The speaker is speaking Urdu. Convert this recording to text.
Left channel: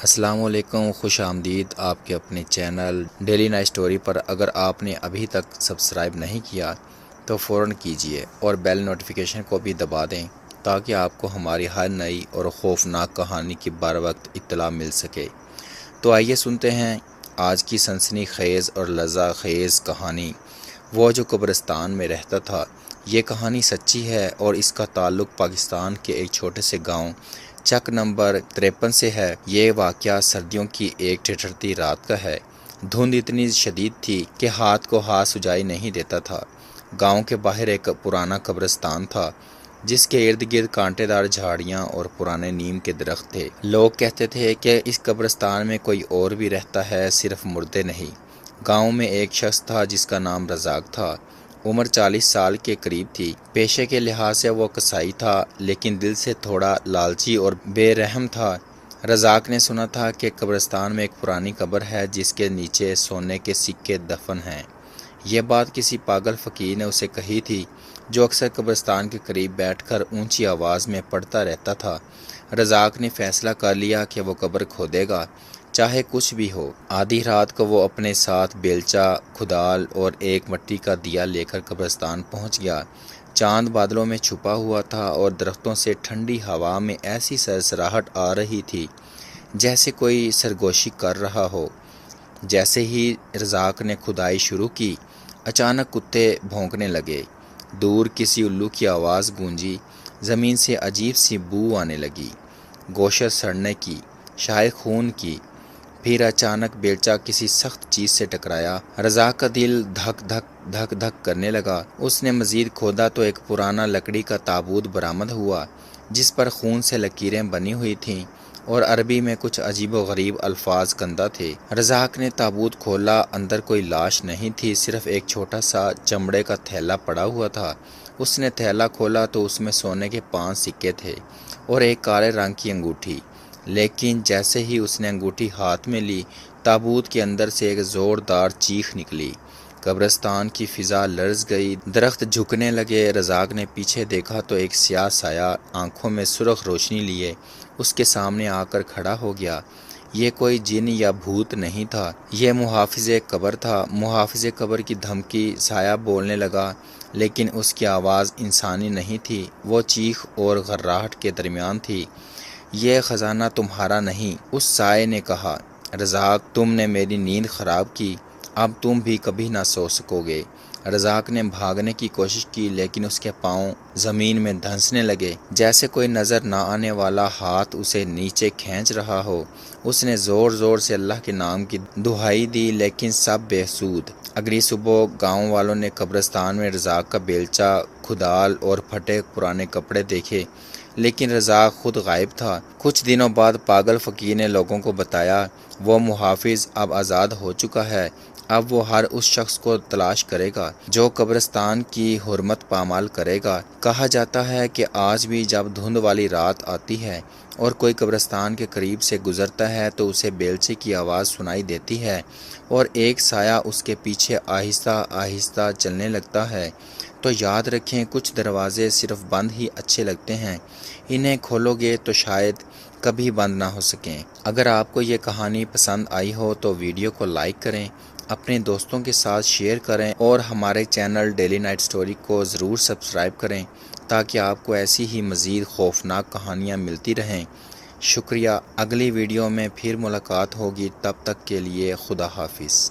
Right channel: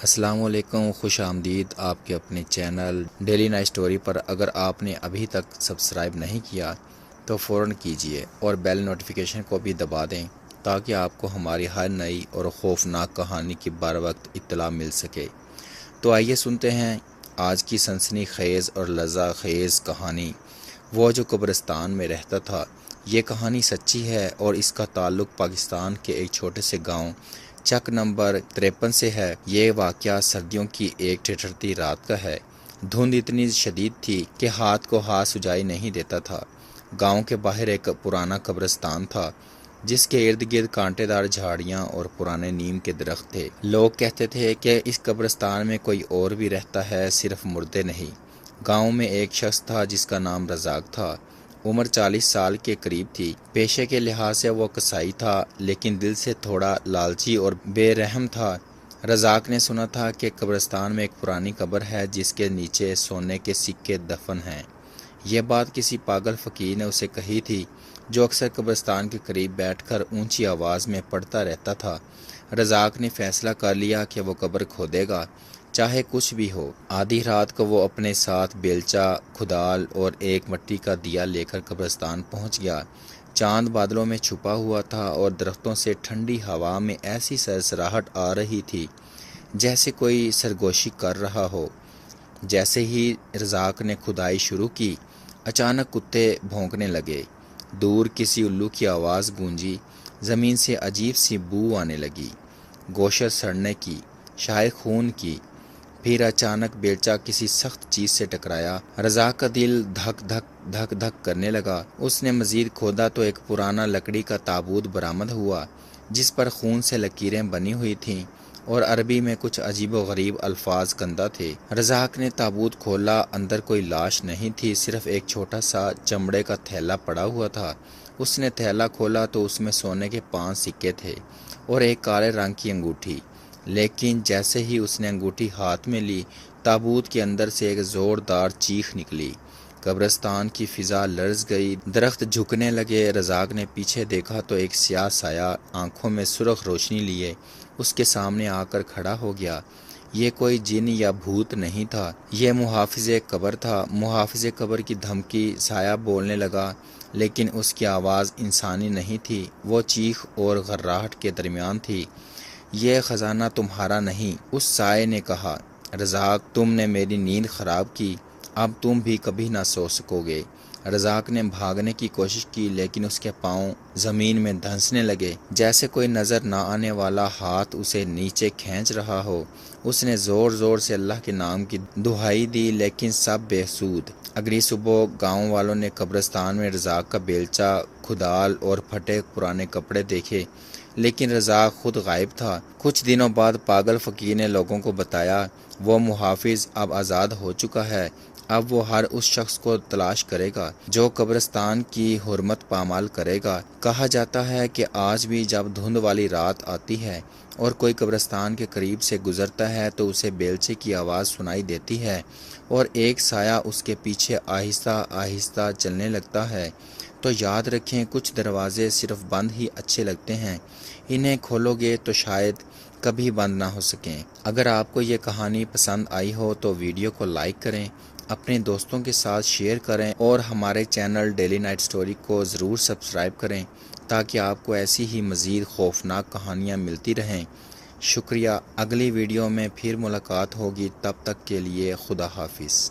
السلام علیکم، خوش آمدید آپ کے اپنے چینل ڈیلی نائٹ سٹوری پر۔ اگر آپ نے ابھی تک سبسکرائب نہیں کیا تو فوراً کیجئے اور بیل نوٹیفیکیشن کو بھی دبا دیں تاکہ آپ کو ہماری ہر نئی اور خوفناک کہانی کی بر وقت اطلاع مل سکے۔ تو آئیے سنتے ہیں آج کی سنسنی خیز اور لرزہ خیز کہانی، وہ جو قبرستان میں رہتا تھا۔ یہ کہانی سچی ہے اور اس کا تعلق پاکستان کے ایک چھوٹے سے گاؤں چک نمبر 53 سے ہے۔ یہ واقعہ سردیوں کی ایک ٹھٹھرتی رات کا ہے۔ دھند اتنی شدید تھی کہ ہاتھ کو ہاتھ سجائی نہیں دیتا تھا۔ گاؤں کے باہر ایک پرانا قبرستان تھا جس کے ارد گرد کانٹے دار جھاڑیاں اور پرانے نیم کے درخت تھے۔ لوگ کہتے تھے کہ اس قبرستان میں کوئی اور بھی رہتا ہے، صرف مردے نہیں۔ گاؤں میں ایک شخص تھا جس کا نام رزاق تھا۔ عمر 40 سال کے قریب تھی۔ پیشے کے لحاظ سے وہ کسائی تھا لیکن دل سے تھوڑا لالچی اور بے رحم تھا۔ رزاق نے سنا تھا کہ قبرستان میں ایک پرانی قبر ہے جس کے نیچے سونے کے سکے دفن ہیں۔ یہ بات کسی پاگل فقیر نے اسے کہی تھی جو اکثر قبرستان کے قریب بیٹھ کر اونچی آواز میں پڑھتا رہتا تھا۔ رزاق نے فیصلہ کر لیا کہ وہ قبر کھودے گا، چاہے کچھ بھی ہو۔ آدھی رات کو وہ اپنے ساتھ بیلچہ، کھدال اور ایک مٹی کا دیا لے کر قبرستان پہنچ گیا۔ چاند بادلوں میں چھپا ہوا تھا اور درختوں سے ٹھنڈی ہوا میں ایسی سرسراہٹ آ رہی تھی جیسے کوئی سرگوشی کر رہا ہو۔ جیسے ہی رزاق نے کھدائی شروع کی، اچانک کتے بھونکنے لگے۔ دور کسی الو کی آواز گونجی۔ زمین سے عجیب سی بو آنے لگی، گوشت سڑنے کی، شاید خون کی۔ پھر اچانک بیلچہ کسی سخت چیز سے ٹکرایا۔ رزاق کا دل دھک دھک دھک دھک کرنے لگا۔ اس نے مزید کھودا تو ایک پرانا لکڑی کا تابوت برآمد ہوا جس پر خون سے لکیریں بنی ہوئی تھیں اور عربی میں کچھ عجیب و غریب الفاظ کندہ تھے۔ رزاق نے تابوت کھولا۔ اندر کوئی لاش نہیں تھی، صرف ایک چھوٹا سا چمڑے کا تھیلا پڑا ہوا تھا۔ اس نے تھیلا کھولا تو اس میں سونے کے 5 سکے تھے اور ایک کالے رنگ کی انگوٹھی۔ لیکن جیسے ہی اس نے انگوٹھی ہاتھ میں لی، تابوت کے اندر سے ایک زوردار چیخ نکلی۔ قبرستان کی فضا لرز گئی، درخت جھکنے لگے۔ رزاق نے پیچھے دیکھا تو ایک سیاہ سایہ آنکھوں میں سرخ روشنی لیے اس کے سامنے آ کر کھڑا ہو گیا۔ یہ کوئی جن یا بھوت نہیں تھا، یہ محافظ قبر تھا۔ محافظ قبر کی دھمکی۔ سایہ بولنے لگا لیکن اس کی آواز انسانی نہیں تھی، وہ چیخ اور گھرراہٹ کے درمیان تھی۔ یہ خزانہ تمہارا نہیں، اس سائے نے کہا۔ رزاق، تم نے میری نیند خراب کی، اب تم بھی کبھی نہ سو سکو گے۔ رزاق نے بھاگنے کی کوشش کی لیکن اس کے پاؤں زمین میں دھنسنے لگے جیسے کوئی نظر نہ آنے والا ہاتھ اسے نیچے کھینچ رہا ہو۔ اس نے زور زور سے اللہ کے نام کی دہائی دی لیکن سب بے سود۔ اگلی صبح گاؤں والوں نے قبرستان میں رزاق کا بیلچہ، کھدال اور پھٹے پرانے کپڑے دیکھے لیکن رزاق خود غائب تھا۔ کچھ دنوں بعد پاگل فقیر نے لوگوں کو بتایا، وہ محافظ اب آزاد ہو چکا ہے، اب وہ ہر اس شخص کو تلاش کرے گا جو قبرستان کی حرمت پامال کرے گا۔ کہا جاتا ہے کہ آج بھی جب دھند والی رات آتی ہے اور کوئی قبرستان کے قریب سے گزرتا ہے تو اسے بیلچے کی آواز سنائی دیتی ہے اور ایک سایہ اس کے پیچھے آہستہ آہستہ چلنے لگتا ہے۔ تو یاد رکھیں، کچھ دروازے صرف بند ہی اچھے لگتے ہیں، انہیں کھولو گے تو شاید کبھی بند نہ ہو سکیں۔ اگر آپ کو یہ کہانی پسند آئی ہو تو ویڈیو کو لائک کریں، اپنے دوستوں کے ساتھ شیئر کریں اور ہمارے چینل ڈیلی نائٹ سٹوری کو ضرور سبسکرائب کریں تاکہ آپ کو ایسی ہی مزید خوفناک کہانیاں ملتی رہیں۔ شکریہ۔ اگلی ویڈیو میں پھر ملاقات ہوگی، تب تک کے لیے خدا حافظ۔